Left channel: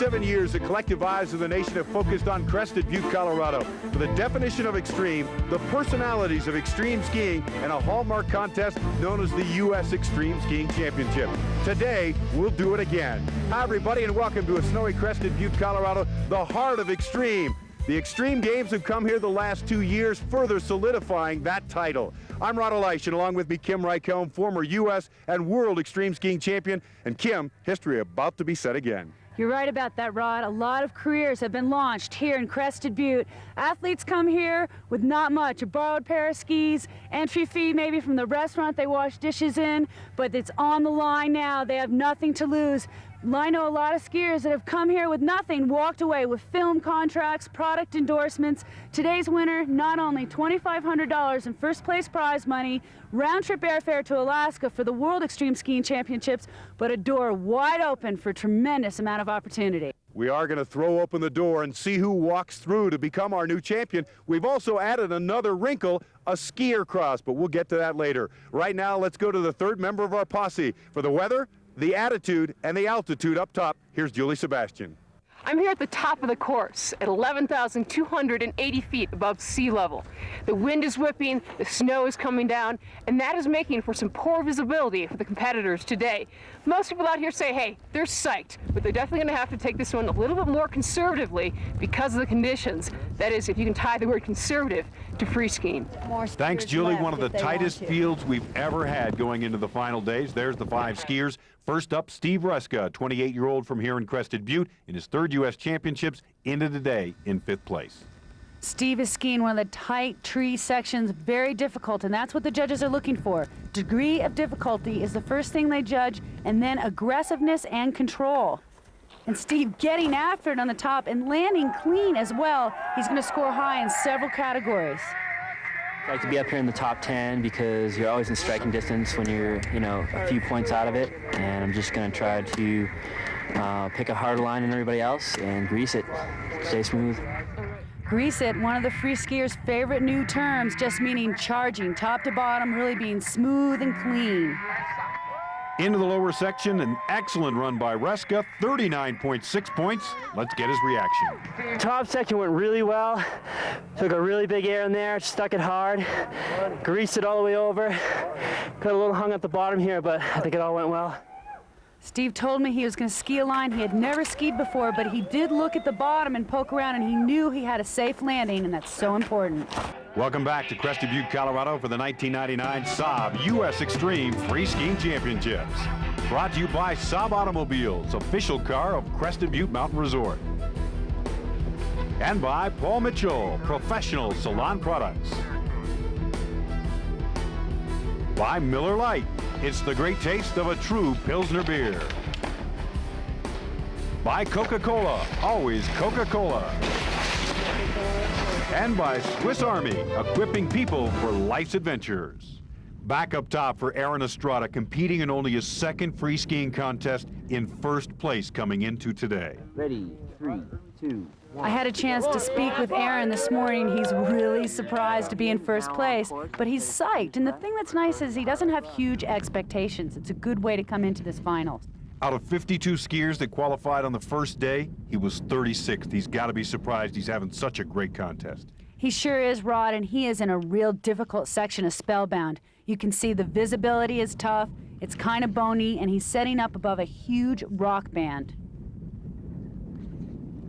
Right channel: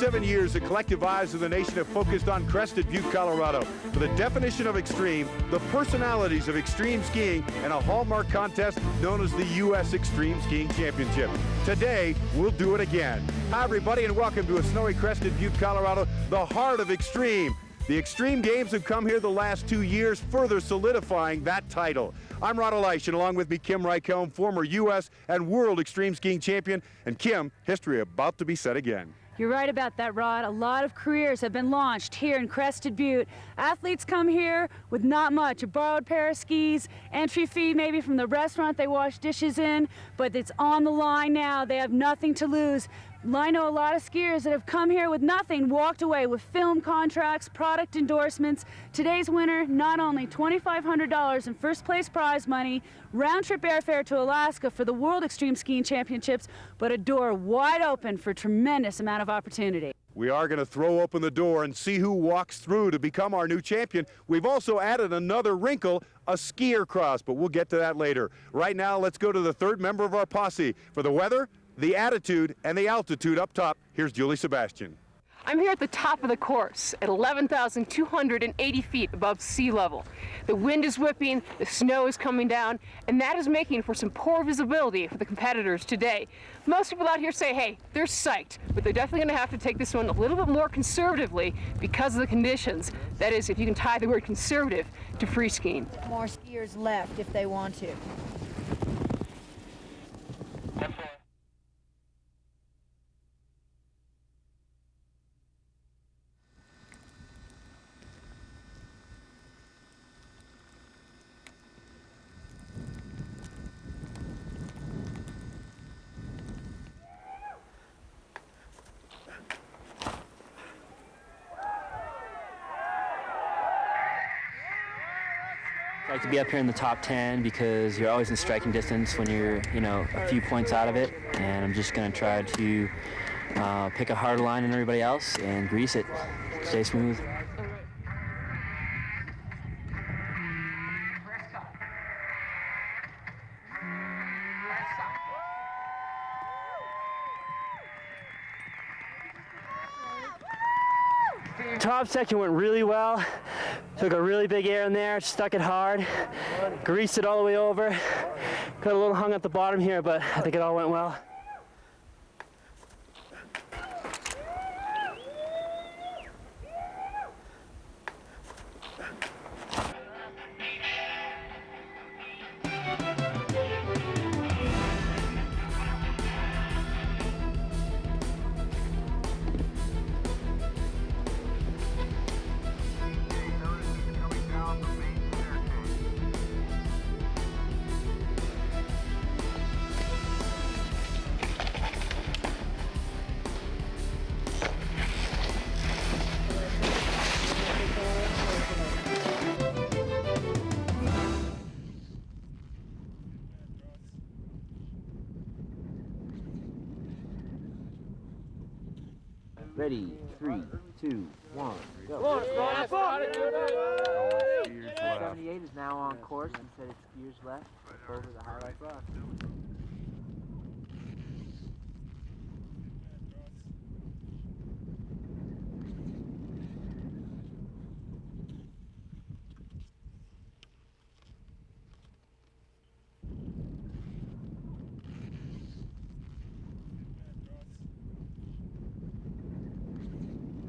47 years, the collective eyes of the nation have focused on Crested Butte, Colorado. For the definition of extreme, the personalities of extreme skiing, and a hallmark contest known as the U.S. Extreme Skiing Championship. Today, we'll do it again. Hi, everybody, and welcome to a snowy Crested Butte, Colorado, the heart of extreme. The Extreme Games have come here the last 2 years, further solidifying that title. I'm Ron Elish, and along with me, Kim Rycombe, former U.S. and World Extreme Skiing Champion. And Kim, history about to be set again. You're right about that, Rod. A lot of careers have been launched here in Crested Butte. Athletes come here with not much, a borrowed pair of skis, entry fee maybe from the restaurant they wash dishes in, but it's on the line now. They have nothing to lose. I know a lot of skiers that have come here with nothing, walked away with film contracts, product endorsements. Today's winner, not only $2,500 in first place prize money, round-trip airfare to Alaska for the World Extreme Skiing Championships, but a door wide open for a tremendous amount of opportunity. We are going to throw open the door and see who walks through to become our new champion. We've also added another wrinkle, a skier cross, but we'll get to that later. Right now, let's go to the third member of our posse. For the weather, the attitude, and the altitude up top, here's Julie Sebastian. I'm here at the top of the course at 11,280 feet above sea level. The wind is whipping, the snow is coming down, and that is making for some poor visibility for the competitors today. Most people out here say, hey, they're psyched, but they're definitely going to have to take this one a little bit more conservatively because of the conditions. That is, if you can tie the word conservative to free skiing. Thanks, Julie. One of the tightest fields we've ever had going into the final days. There's the 5 skiers. First up, Steve Ruska, a 28-year-old from here in Crested Butte, in his 3rd U.S. Championships, into the day in 5th place. Steve is skiing one of the tight tree sections, very difficult, and that's what the judges are looking for. Degree of difficulty is the first thing they judge, and then aggressiveness and control. And Steve getting after it on the top and landing clean as well. He's going to score high in several categories. I like to be up here in the top 10 because you're always in striking distance when you're, a few points out of it. And I'm just going to try to pick a hard line on everybody else and grease it, stay smooth. Grease it, one of the free skiers' favorite new terms, just meaning charging top to bottom, really being smooth and clean. Into the lower section, an excellent run by Ruska, 39.6 points. Let's get his reaction. Top section went really well. Took a really big air in there, stuck it hard, greased it all the way over. Got a little hung at the bottom here, but I think it all went well. Steve told me he was going to ski a line. He had never skied before, but he did look at the bottom and poke around, and he knew he had a safe landing, and that's so important. Welcome back to Crested Butte, Colorado for the 1999 Saab U.S. Extreme Free Skiing Championships. Brought to you by Saab Automobiles, official car of Crested Butte Mountain Resort. And by Paul Mitchell, professional salon products. By Miller Lite, it's the great taste of a true Pilsner beer. By Coca-Cola, always Coca-Cola. And by Swiss Army, equipping people for life's adventures. Back up top for Aaron Estrada, competing in only his 2nd free skiing contest, in 1st place coming into today. Ready, 3, 2, 1. I had a chance to speak with Aaron this morning. He's really surprised to be in 1st place, but he's psyched. And the thing that's nice is he doesn't have huge expectations. It's a good way to come into this finals. Out of 52 skiers that qualified on the first day, he was 36th. He's got to be surprised he's having such a great contest. He sure is, Rod, and he is in a real difficult section of Spellbound. You can see the visibility is tough, it's kind of bony, and he's setting up above a huge rock band.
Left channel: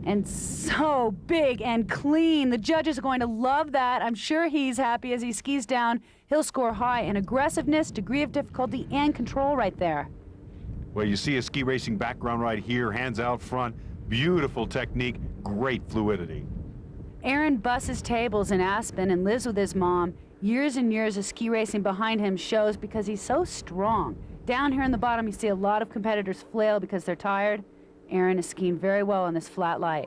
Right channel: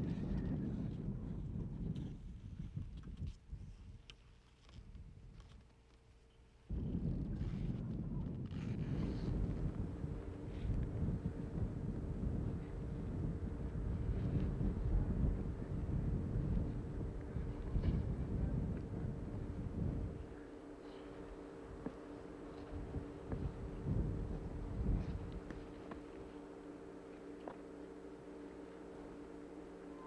And so big and clean. The judges are going to love that. I'm sure he's happy as he skis down. He'll score high in aggressiveness, degree of difficulty, and control right there. Well, you see a ski racing background right here, hands out front, beautiful technique, great fluidity. Aaron busses tables in Aspen and lives with his mom. Years and years of ski racing behind him shows because he's so strong. Down here in the bottom, you see a lot of competitors flail because they're tired. Aaron is skiing very well on this flat light.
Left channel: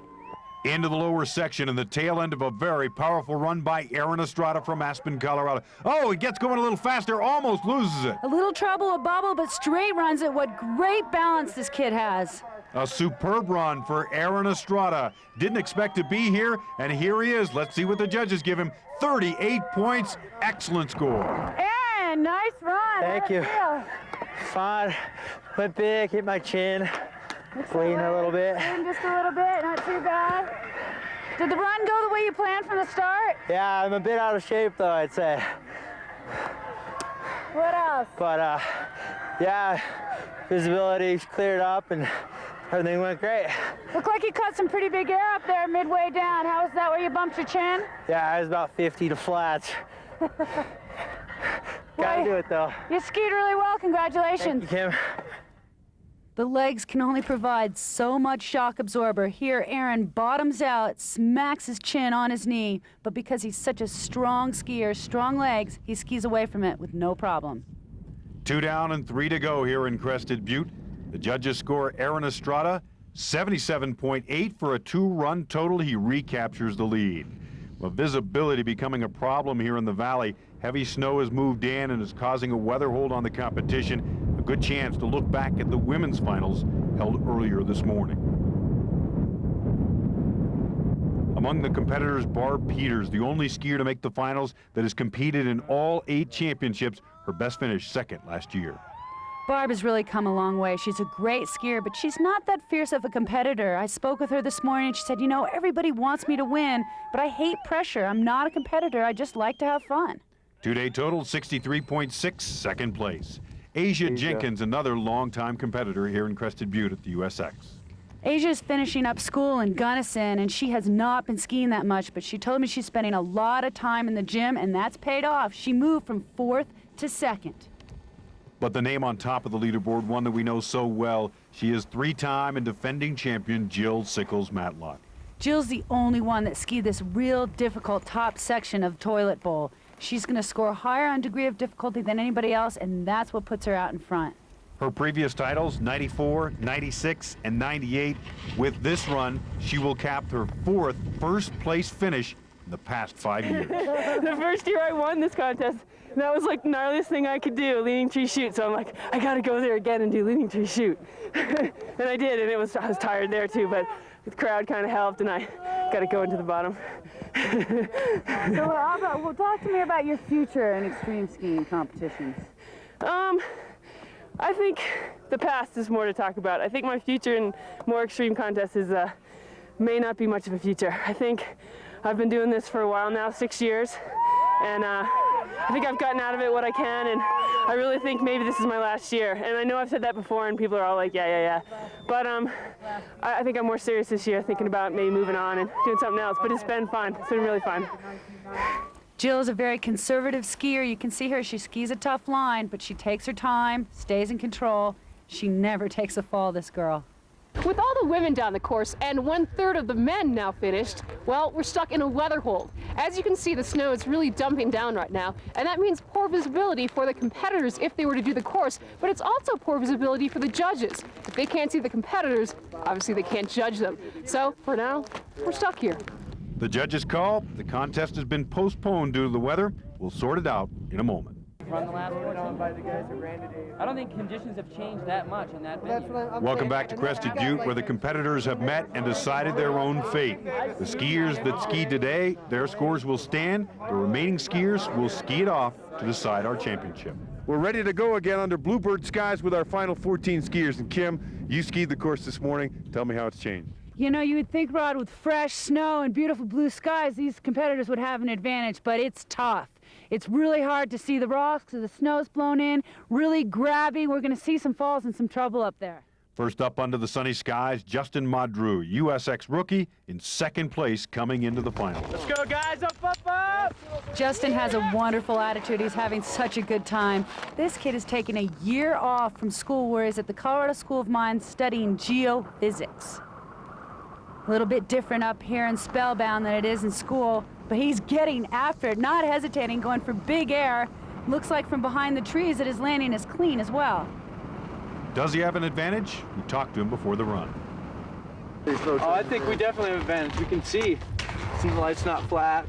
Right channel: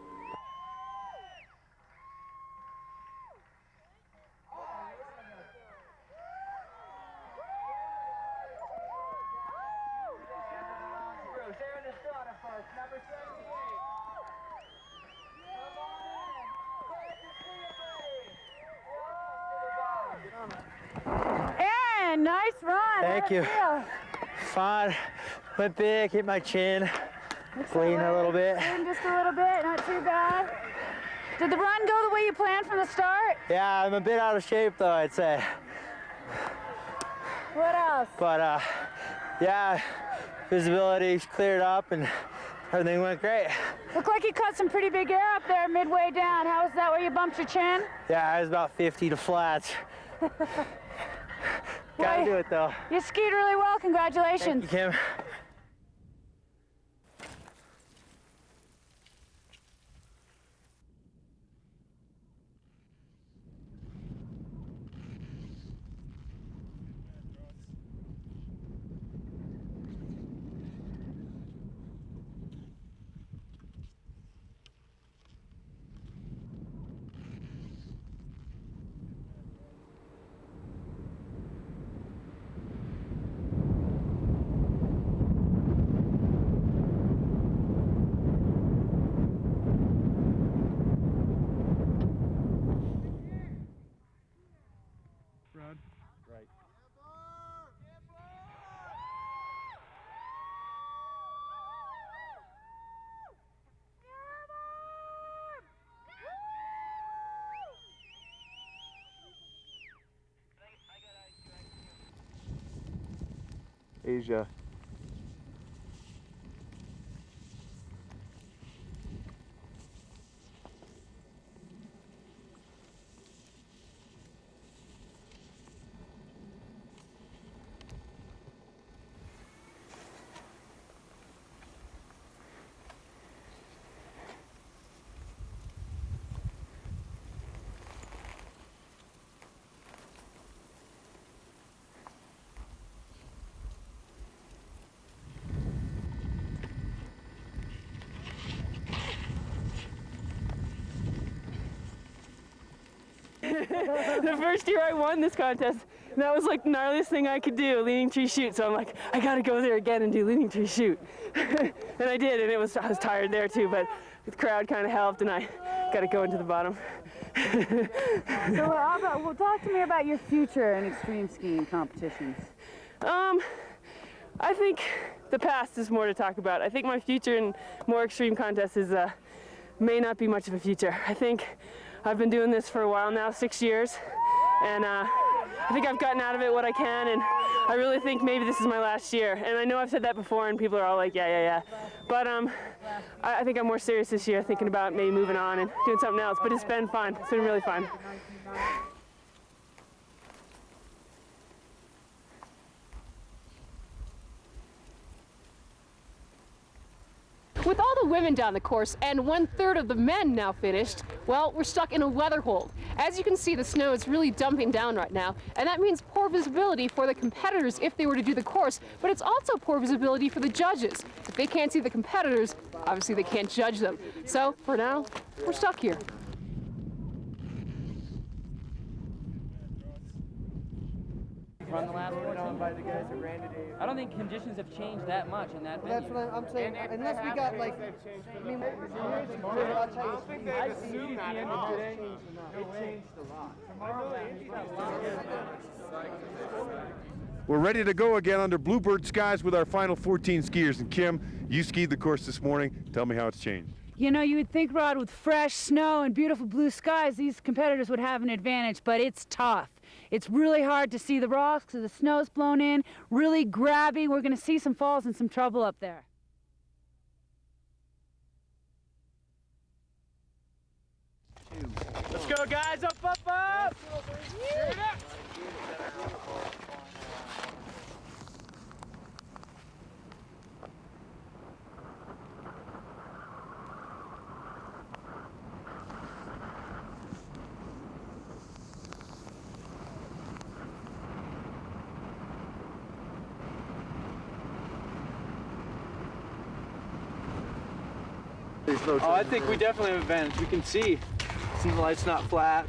Into the lower section and the tail end of a very powerful run by Aaron Estrada from Aspen, Colorado. Oh, he gets going a little faster, almost loses it. A little trouble, a bubble, but straight runs it. What great balance this kid has. A superb run for Aaron Estrada. Didn't expect to be here, and here he is. Let's see what the judges give him. 38 points, excellent score. Aaron, nice run. Thank you. Fun, but big, hit my chin. Lean a little bit. Lean just a little bit, not too bad. Did the run go the way you planned from the start? Yeah, I'm a bit out of shape though, I'd say. What else? But yeah, visibility's cleared up and everything went great. Looked like you cut some pretty big air up there midway down. How was that where you bumped your chin? Yeah, I was about 50 to flats. Gotta do it though. You skied really well, congratulations. Thank you, Kim. The legs can only provide so much shock absorber. Here, Aaron bottoms out, smacks his chin on his knee, but because he's such a strong skier, strong legs, he skis away from it with no problem. 2 down and 3 to go here in Crested Butte. The judges score Aaron Estrada 77.8 for a 2-run total. He recaptures the lead. With visibility becoming a problem here in the valley, heavy snow has moved in and is causing a weather hold on the competition. A good chance to look back at the women's finals held earlier this morning. Among the competitors, Barb Peters, the only skier to make the finals that has competed in all 8 championships. Her best finish second last year. Barb has really come a long way. She's a great skier, but she's not that fierce of a competitor. I spoke with her this morning and she said, you know, everybody wants me to win, but I hate pressure. I'm not a competitor. I just like to have fun. 2-day total, 63.6, second place. Asia Jenkins, another longtime competitor here in Crested Butte at the USX. Asia's finishing up school in Gunnison, and she has not been skiing that much, but she told me she's spending a lot of time in the gym, and that's paid off. She moved from 4th to 2nd. But the name on top of the leaderboard, one that we know so well, she is 3-time and defending champion Jill Sickles-Matlock. Jill's the only one that skied this real difficult top section of Toilet Bowl. She's going to score higher on degree of difficulty than anybody else, and that's what puts her out in front. Her previous titles, 94, 96, and 98. With this run, she will cap her 4th first-place finish in the past 5 years. The first year I won this contest, that was like the gnarliest thing I could do, leaning tree shoot. So I'm like, I gotta go there again and do leaning tree shoot. And I did, and I was tired there too, but the crowd kind of helped, and I got to go into the bottom. So well, talk to me about your future in extreme skiing competitions. I think the past is more to talk about. I think my future in more extreme contests is may not be much of a future. I think I've been doing this for a while now, 6 years, and I think I've gotten out of it what I can, and I really think maybe this is my last year. And I know I've said that before, and people are all like, yeah. But I think I'm more serious this year, thinking about maybe moving on and doing something else. But it's been fun. It's been really fun. Jill is a very conservative skier. You can see her. She skis a tough line, but she takes her time, stays in control. She never takes a fall, this girl. With all the women down the course and 1/3 of the men now finished, well, we're stuck in a weather hold. As you can see, the snow is really dumping down right now, and that means poor visibility for the competitors if they were to do the course, but it's also poor visibility for the judges. If they can't see the competitors, obviously they can't judge them. So, for now, we're stuck here. The judges call. The contest has been postponed due to the weather. We'll sort it out in a moment. I don't think conditions have changed that much in that venue. Welcome back to Crested Butte, where the competitors have met and decided their own fate. The skiers that skied today, their scores will stand. The remaining skiers will ski it off to decide our championship. We're ready to go again under bluebird skies with our final 14 skiers. And Kim, you skied the course this morning. Tell me how it's changed. You know, you would think, Rod, with fresh snow and beautiful blue skies, these competitors would have an advantage, but it's tough. It's really hard to see the rocks because the snow's blown in, really grabby. We're going to see some falls and some trouble up there. First up under the sunny skies, Justin Madru, USX rookie, in 2nd place coming into the final. Let's go, guys. Up, up, up! Justin has a wonderful attitude. He's having such a good time. This kid has taken a year off from school where he's at the Colorado School of Mines studying geophysics. A little bit different up here in Spellbound than it is in school, but he's getting after it, not hesitating, going for big air. Looks like from behind the trees that his landing is clean as well. Does he have an advantage? We talked to him before the run. Oh, I think we definitely have an advantage. We can see the light's not flat.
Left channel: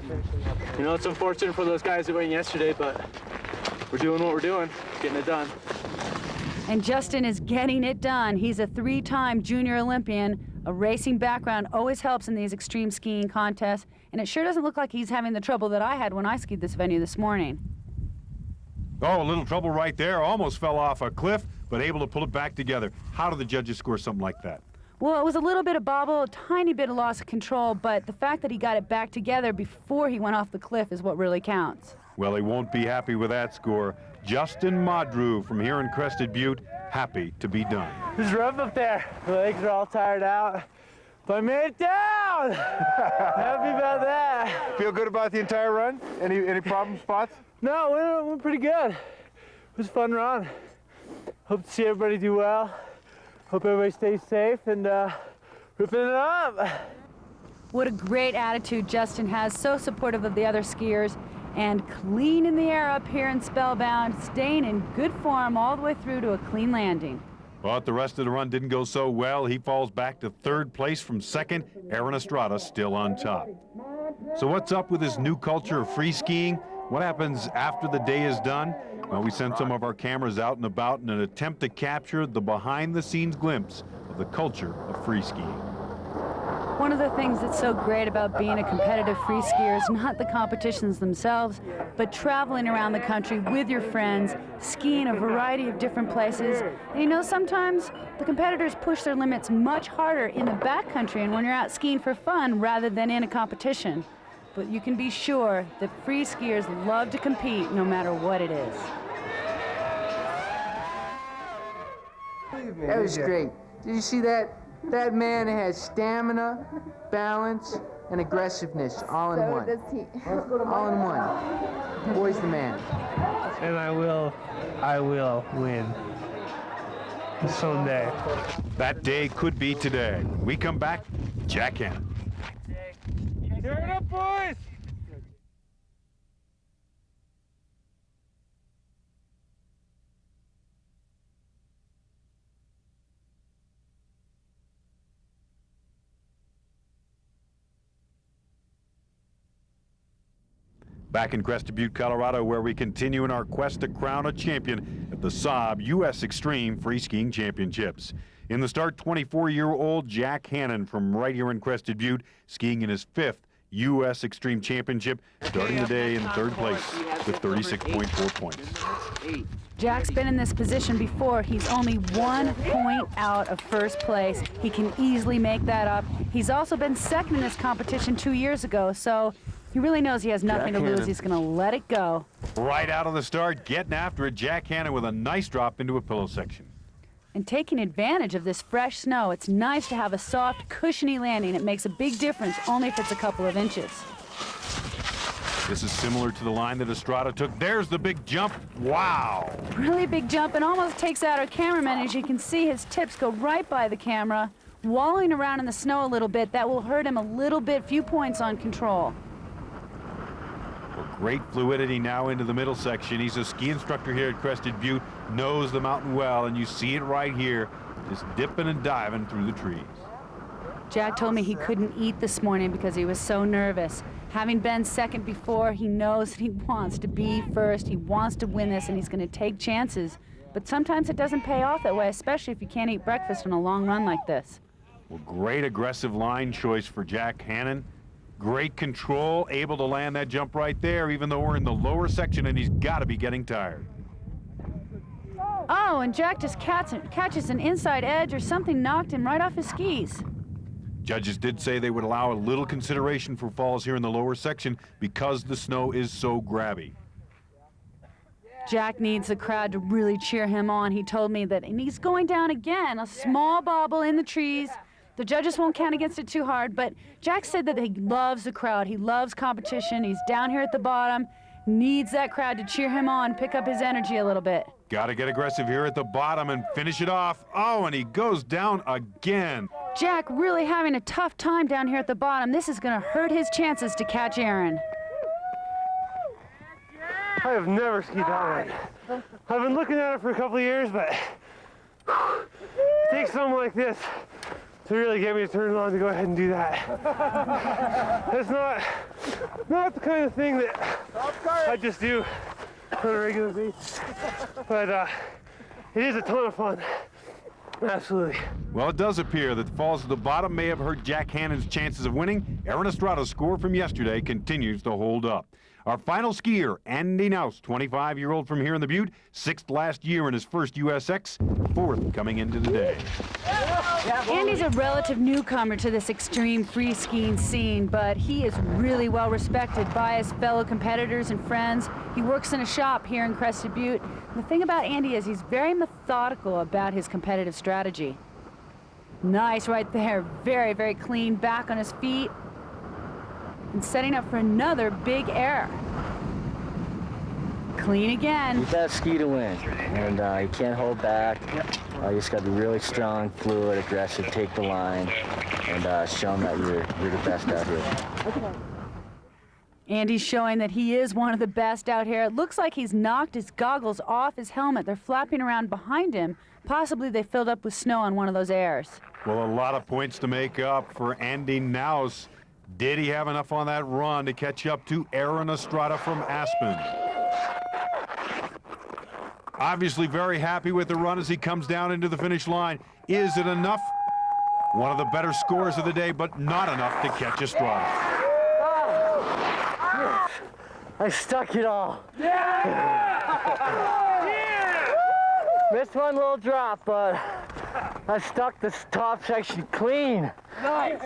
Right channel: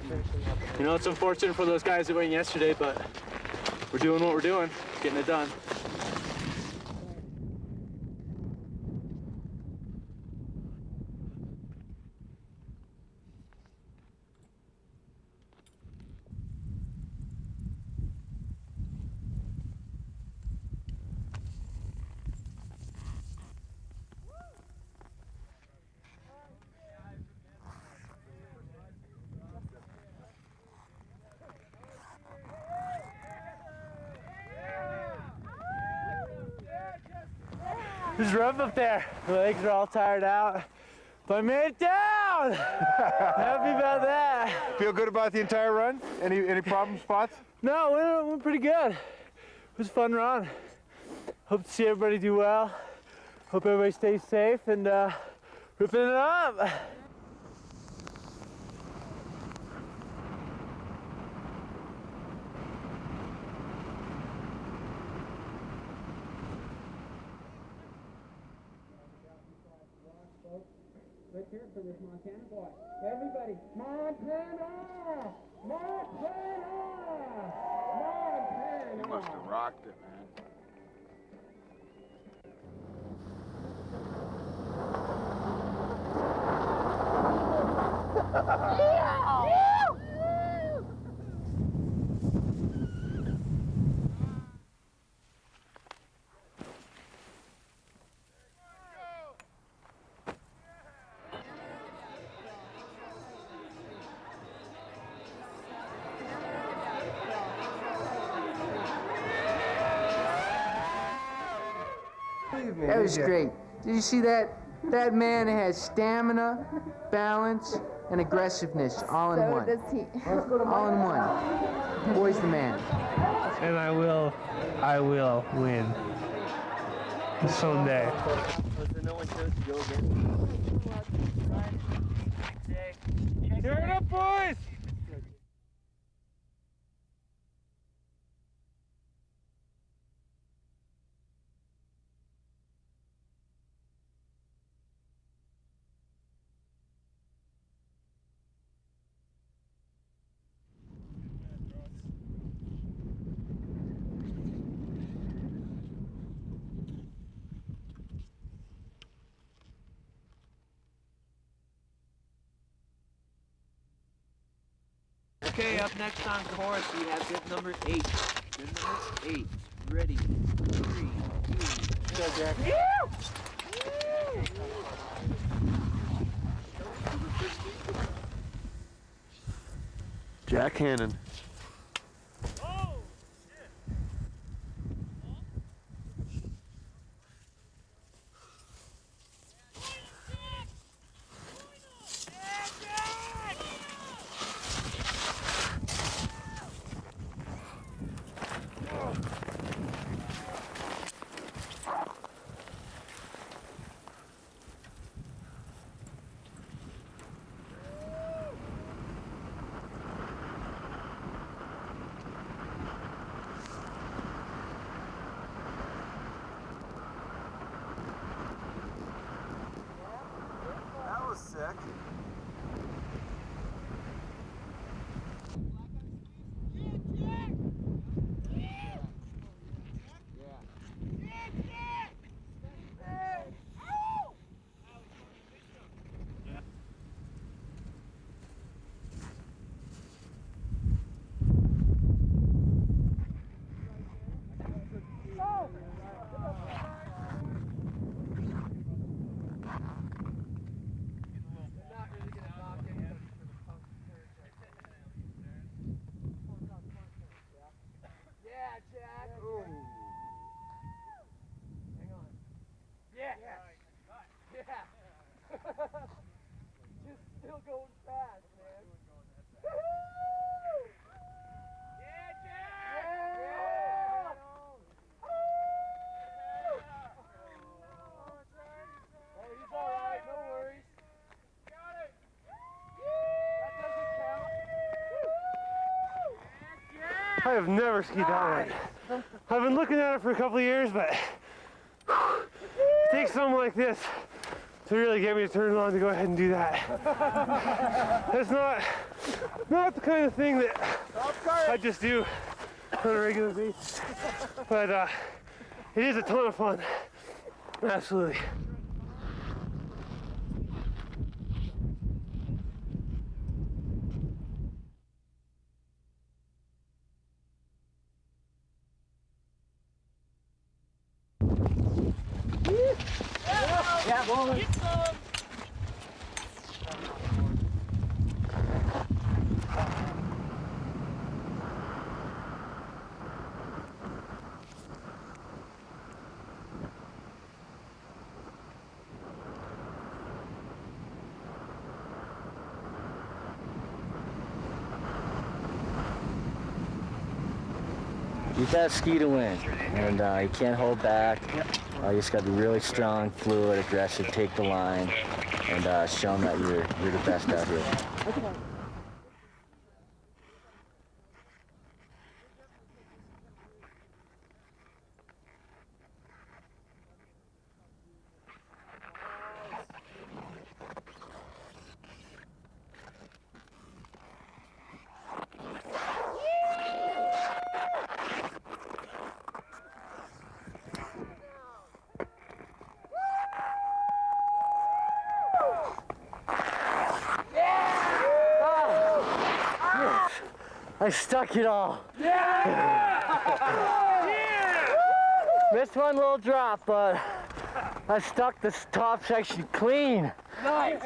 You know, it's unfortunate for those guys that went yesterday, but we're doing what we're doing, getting it done. And Justin is getting it done. He's a 3-time junior Olympian. A racing background always helps in these extreme skiing contests, and it sure doesn't look like he's having the trouble that I had when I skied this venue this morning. Oh, a little trouble right there. Almost fell off a cliff, but able to pull it back together. How do the judges score something like that? Well, it was a little bit of bobble, a tiny bit of loss of control, but the fact that he got it back together before he went off the cliff is what really counts. Well, he won't be happy with that score. Justin Madru from here in Crested Butte, happy to be done. It's rough up there. My legs are all tired out, but I made it down! Happy about that. Feel good about the entire run? Any problem spots? No, we went pretty good. It was a fun run. Hope to see everybody do well. Hope everybody stays safe and ripping it up. What a great attitude Justin has, so supportive of the other skiers, and cleaning the air up here in Spellbound, staying in good form all the way through to a clean landing. But the rest of the run didn't go so well. He falls back to third place from second. Aaron Estrada still on top. So what's up with this new culture of free skiing? What happens after the day is done? Well, we sent some of our cameras out and about in an attempt to capture the behind-the-scenes glimpse of the culture of free skiing. One of the things that's so great about being a competitive free skier is not the competitions themselves, but traveling around the country with your friends, skiing a variety of different places. And you know, sometimes the competitors push their limits much harder in the backcountry and when you're out skiing for fun rather than in a competition. But you can be sure that free skiers love to compete no matter what it is. That was great. Did you see that? That man has stamina, balance, and aggressiveness all in one. All in one. Boy's the man. And I will win someday. That day could be today. We come back, Jack Hannon. Turn it up, boys! Back in Crested Butte, Colorado, where we continue in our quest to crown a champion at the Saab U.S. Extreme Free Skiing Championships. In the start, 24-year-old Jack Hannon from right here in Crested Butte, skiing in his 5th U.S. Extreme Championship, starting the day in third place with 36.4 points. Jack's been in this position before. He's only 1 point out of first place. He can easily make that up. He's also been second in this competition 2 years ago, so he really knows he has nothing to lose. He's going to let it go. Right out of the start, getting after it, Jack Hannon with a nice drop into a pillow section. And taking advantage of this fresh snow, it's nice to have a soft, cushiony landing. It makes a big difference, only if it's a couple of inches. This is similar to the line that Estrada took. There's the big jump. Wow. Really big jump and almost takes out our cameraman. As you can see, his tips go right by the camera. Wallowing around in the snow a little bit, that will hurt him a little bit, few points on control. Great fluidity now into the middle section. He's a ski instructor here at Crested Butte, knows the mountain well, and you see it right here, just dipping and diving through the trees. Jack told me he couldn't eat this morning because he was so nervous. Having been second before, he knows that he wants to be first. He wants to win this, and he's going to take chances. But sometimes it doesn't pay off that way, especially if you can't eat breakfast on a long run like this. Well, great aggressive line choice for Jack Hannon. Great control, able to land that jump right there, even though we're in the lower section and he's got to be getting tired. Oh, and Jack just catches an inside edge or something knocked him right off his skis. Judges did say they would allow a little consideration for falls here in the lower section because the snow is so grabby. Jack needs the crowd to really cheer him on. He told me that, and he's going down again, a small bobble in the trees. The judges won't count against it too hard, but Jack said that he loves the crowd. He loves competition. He's down here at the bottom, needs that crowd to cheer him on, pick up his energy a little bit. Got to get aggressive here at the bottom and finish it off. Oh, and he goes down again. Jack really having a tough time down here at the bottom. This is going to hurt his chances to catch Aaron. I have never skied that way. I've been looking at it for a couple of years, but it takes something like this to really get me to turn on to go ahead and do that. That's not the kind of thing that I just do on a regular basis, but it is a ton of fun. Absolutely. Well, it does appear that the falls at the bottom may have hurt Jack Hannon's chances of winning. Aaron Estrada's score from yesterday continues to hold up. Our final skier, Andy Naus, 25-year-old from here in the Butte, 6th last year in his first USX, 4th coming into the day. Andy's a relative newcomer to this extreme free skiing scene, but he is really well respected by his fellow competitors and friends. He works in a shop here in Crested Butte. And the thing about Andy is he's very methodical about his competitive strategy. Nice right there. Very, very clean, back on his feet. And setting up for another big air. Clean again. You gotta ski to win, and you can't hold back. You just gotta be really strong, fluid, aggressive, take the line, and show them that you're the best out here. Andy's showing that he is one of the best out here. It looks like he's knocked his goggles off his helmet. They're flapping around behind him. Possibly they filled up with snow on one of those airs. Well, a lot of points to make up for Andy Naus. Did he have enough on that run to catch up to Aaron Estrada from Aspen? Obviously very happy with the run as he comes down into the finish line. Is it enough? One of the better scores of the day, but not enough to catch Estrada. I stuck it all. Missed one little drop, but I stuck this top section clean. Nice.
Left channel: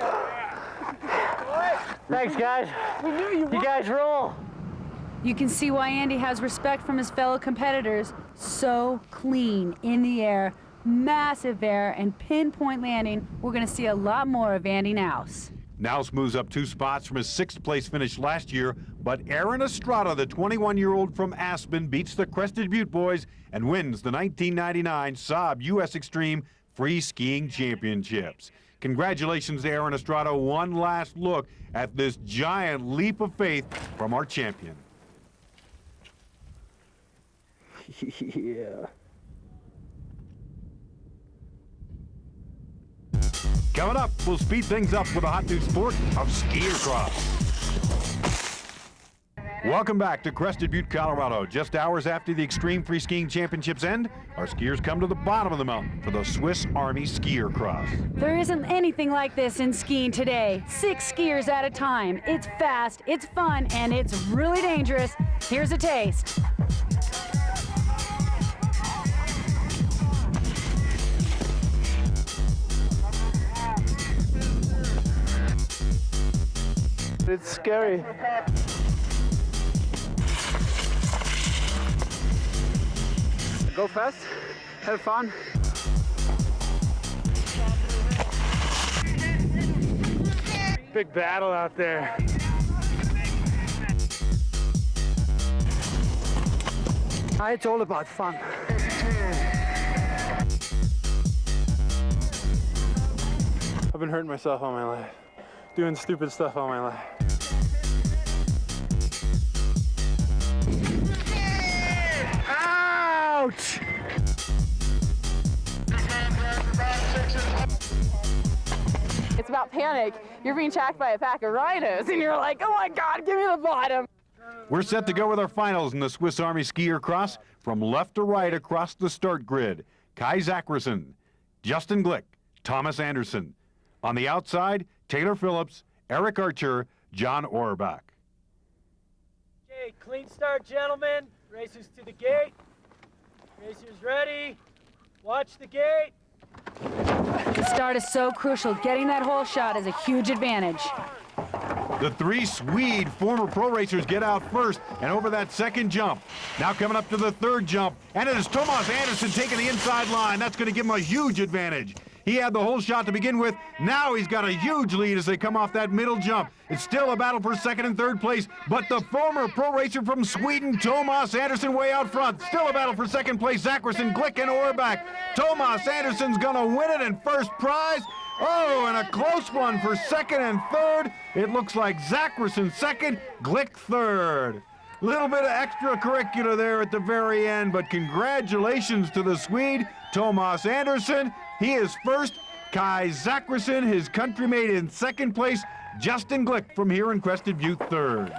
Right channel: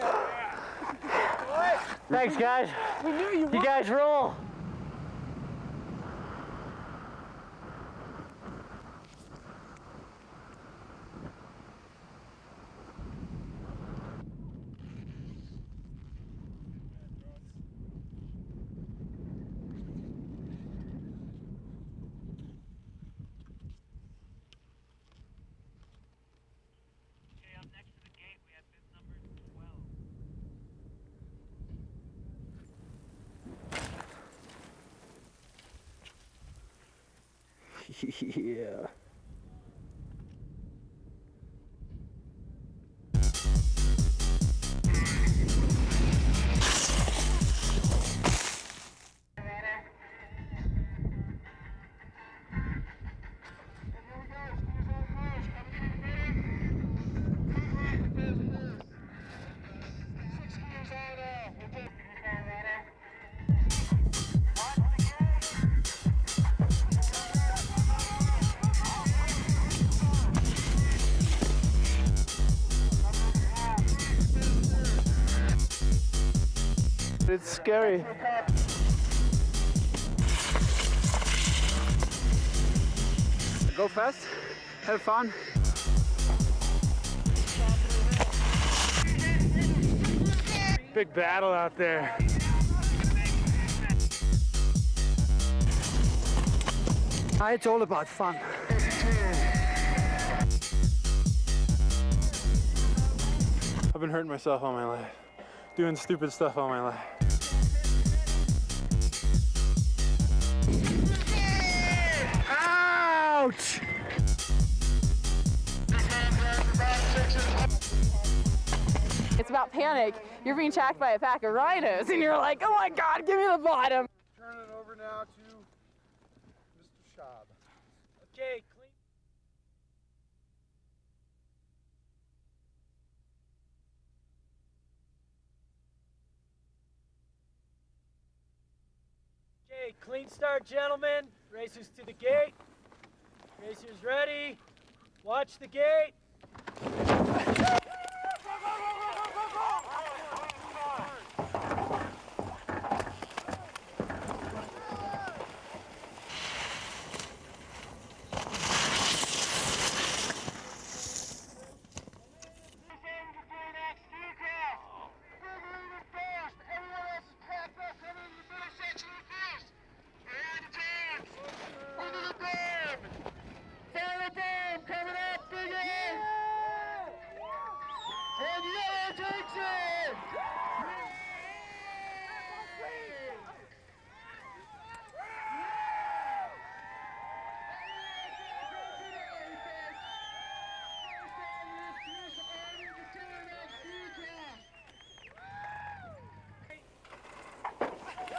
Thanks, guys. You guys roll. You can see why Andy has respect from his fellow competitors. So clean in the air, massive air, and pinpoint landing. We're going to see a lot more of Andy Naus. Naus moves up 2 spots from his 6th place finish last year, but Aaron Estrada, the 21-year-old from Aspen, beats the Crested Butte boys and wins the 1999 Saab U.S. Extreme Free Skiing Championships. Congratulations to Aaron Estrada. One last look at this giant leap of faith from our champion. Yeah. Coming up, we'll speed things up with a hot new sport of skier cross. Welcome back to Crested Butte, Colorado. Just hours after the Extreme Free Skiing Championships end, our skiers come to the bottom of the mountain for the Swiss Army Skier Cross. There isn't anything like this in skiing today. 6 skiers at a time. It's fast, it's fun, and it's really dangerous. Here's a taste. It's scary. Go fast, have fun. Big battle out there. It's all about fun. I've been hurting myself all my life. Doing stupid stuff all my life. Ouch! It's about panic. You're being attacked by a pack of rhinos, and you're like, oh my God, give me the bottom. We're set to go with our finals in the Swiss Army Skier Cross from left to right across the start grid. Kai Zackerson, Justin Glick, Thomas Anderson. On the outside, Taylor Phillips, Eric Archer, John Orbach. Okay, clean start, gentlemen. Racers to the gate. Racers ready. Watch the gate. The start is so crucial. Getting that hole shot is a huge advantage. The 3 Swede former pro racers get out first and over that second jump. Now coming up to the 3rd jump, and it is Thomas Anderson taking the inside line. That's going to give him a huge advantage. He had the whole shot to begin with. Now he's got a huge lead as they come off that middle jump. It's still a battle for 2nd and 3rd place, but the former pro racer from Sweden, Thomas Anderson, way out front. Still a battle for 2nd place, Zackerson, Glick, and Orbach. Thomas Anderson's gonna win it in first prize. Oh, and a close one for 2nd and 3rd. It looks like Zackerson 2nd, Glick 3rd. Little bit of extracurricular there at the very end, but congratulations to the Swede, Thomas Anderson. He is first. Kai Zackerson, his countrymate, in 2nd place. Justin Glick from here in Crested Butte 3rd.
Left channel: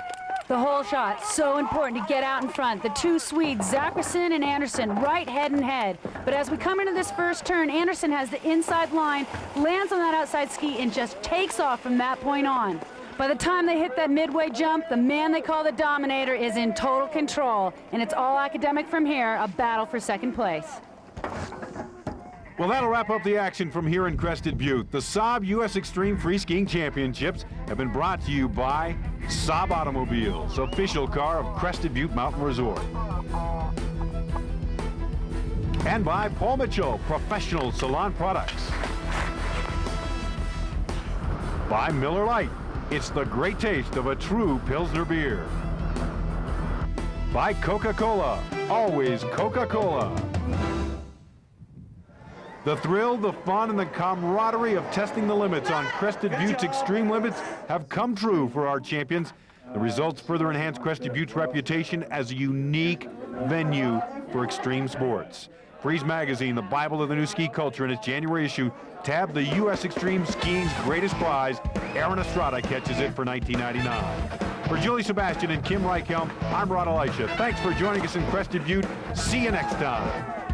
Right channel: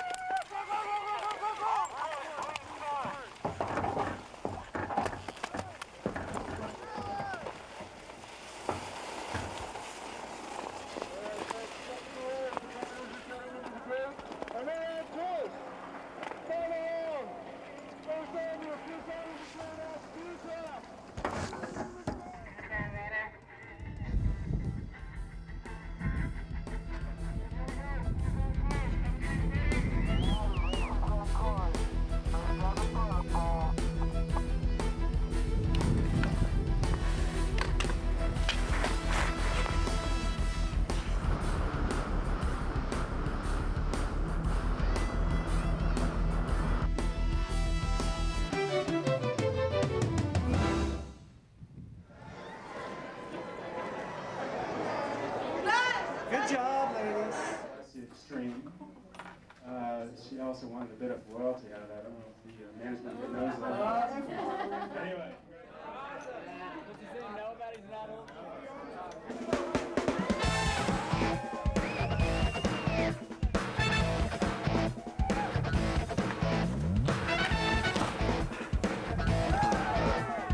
The whole shot, so important to get out in front. The 2 Swedes, Zackerson and Anderson, right head and head. But as we come into this first turn, Anderson has the inside line, lands on that outside ski, and just takes off from that point on. By the time they hit that midway jump, the man they call the Dominator is in total control, and it's all academic from here, a battle for second place. Well, that'll wrap up the action from here in Crested Butte. The Saab U.S. Extreme Free Skiing Championships have been brought to you by Saab Automobiles, official car of Crested Butte Mountain Resort. And by Paul Mitchell, professional salon products. By Miller Lite, it's the great taste of a true Pilsner beer. By Coca-Cola, always Coca-Cola. The thrill, the fun, and the camaraderie of testing the limits on Crested Butte's extreme limits have come true for our champions. The results further enhance Crested Butte's reputation as a unique venue for extreme sports. Freeze Magazine, the Bible of the new ski culture, in its January issue, tabbed the U.S. Extreme Skiing's greatest prize. Aaron Estrada catches it for $19.99. For Julie Sebastian and Kim Reichhelm, I'm Rod Elisha. Thanks for joining us in Crested Butte. See you next time.